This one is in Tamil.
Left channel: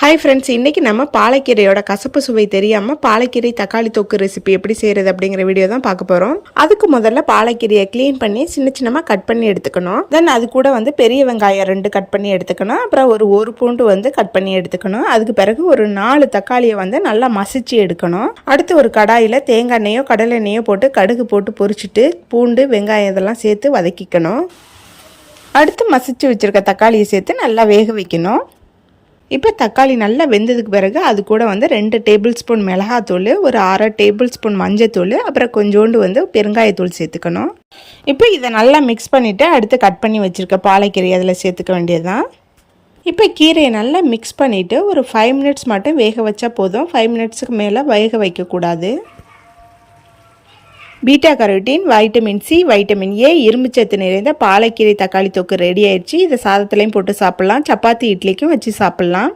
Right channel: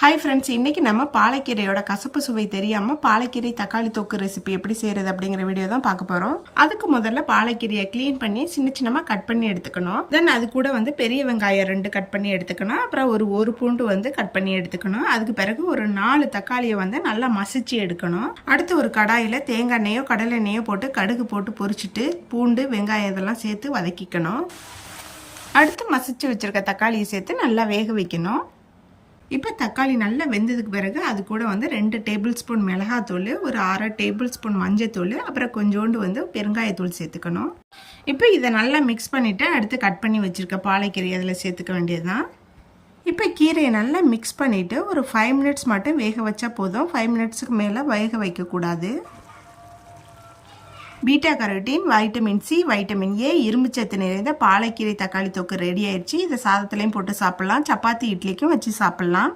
ஹாய் ஃப்ரெண்ட்ஸ், இன்றைக்கி நம்ம பாலக்கீரையோட கசப்பு சுவை தெரியாமல் பாலக்கீரை தக்காளி தொக்கு ரெசிபி எப்படி செய்கிறது அப்படிங்கிற வீடியோ தான் பார்க்க போகிறோம். அதுக்கு முதல்ல பாலக்கீரையை க்ளீன் பண்ணி சின்ன சின்னமாக கட் பண்ணி எடுத்துக்கணும். தென் அது கூட பெரிய வெங்காயம் 2 கட் பண்ணி எடுத்துக்கணும். அப்புறம் ஒரு பூண்டு கட் பண்ணி எடுத்துக்கணும். அதுக்கு பிறகு ஒரு 4 தக்காளியை நல்லா மசிச்சு எடுக்கணும். அடுத்து ஒரு கடாயில் தேங்காய் எண்ணெயோ கடலை எண்ணெயோ போட்டு கடுகு போட்டு பொரிச்சிட்டு பூண்டு வெங்காயம் இதெல்லாம் சேர்த்து வதக்கிக்கணும். அடுத்து மசிச்சு வச்சுருக்க தக்காளியை சேர்த்து நல்லா வேக வைக்கணும். இப்போ தக்காளி நல்லா வெந்ததுக்கு பிறகு அது கூட 2 டேபிள் ஸ்பூன் மிளகாத்தூள், ஒரு 1/2 டேபிள் ஸ்பூன் மஞ்சத்தூள், அப்புறம் கொஞ்சோண்டு பெருங்காயத்தூள் சேர்த்துக்கணும். இப்போ இதை நல்லா மிக்ஸ் பண்ணிவிட்டு அடுத்து கட் பண்ணி வச்சுருக்க பாலக்கீரை அதில் சேர்த்துக்க வேண்டியதுதான். இப்போ கீரையை நல்லா மிக்ஸ் பண்ணிவிட்டு ஒரு 5 மினிட்ஸ் மட்டும் வேக வச்சா போதும். 5 மினிட்ஸுக்கு மேலே வேக வைக்கக்கூடாது. Beta carotene, vitamin C, vitamin A, இரும்புச்சத்து நிறைந்த பாலக்கீரை தக்காளி தொக்கு ரெடி ஆயிடுச்சு. இதை சாதத்துலையும் போட்டு சாப்பிட்லாம், சப்பாத்தி இட்லிக்கும் வச்சு சாப்பிட்லாம்.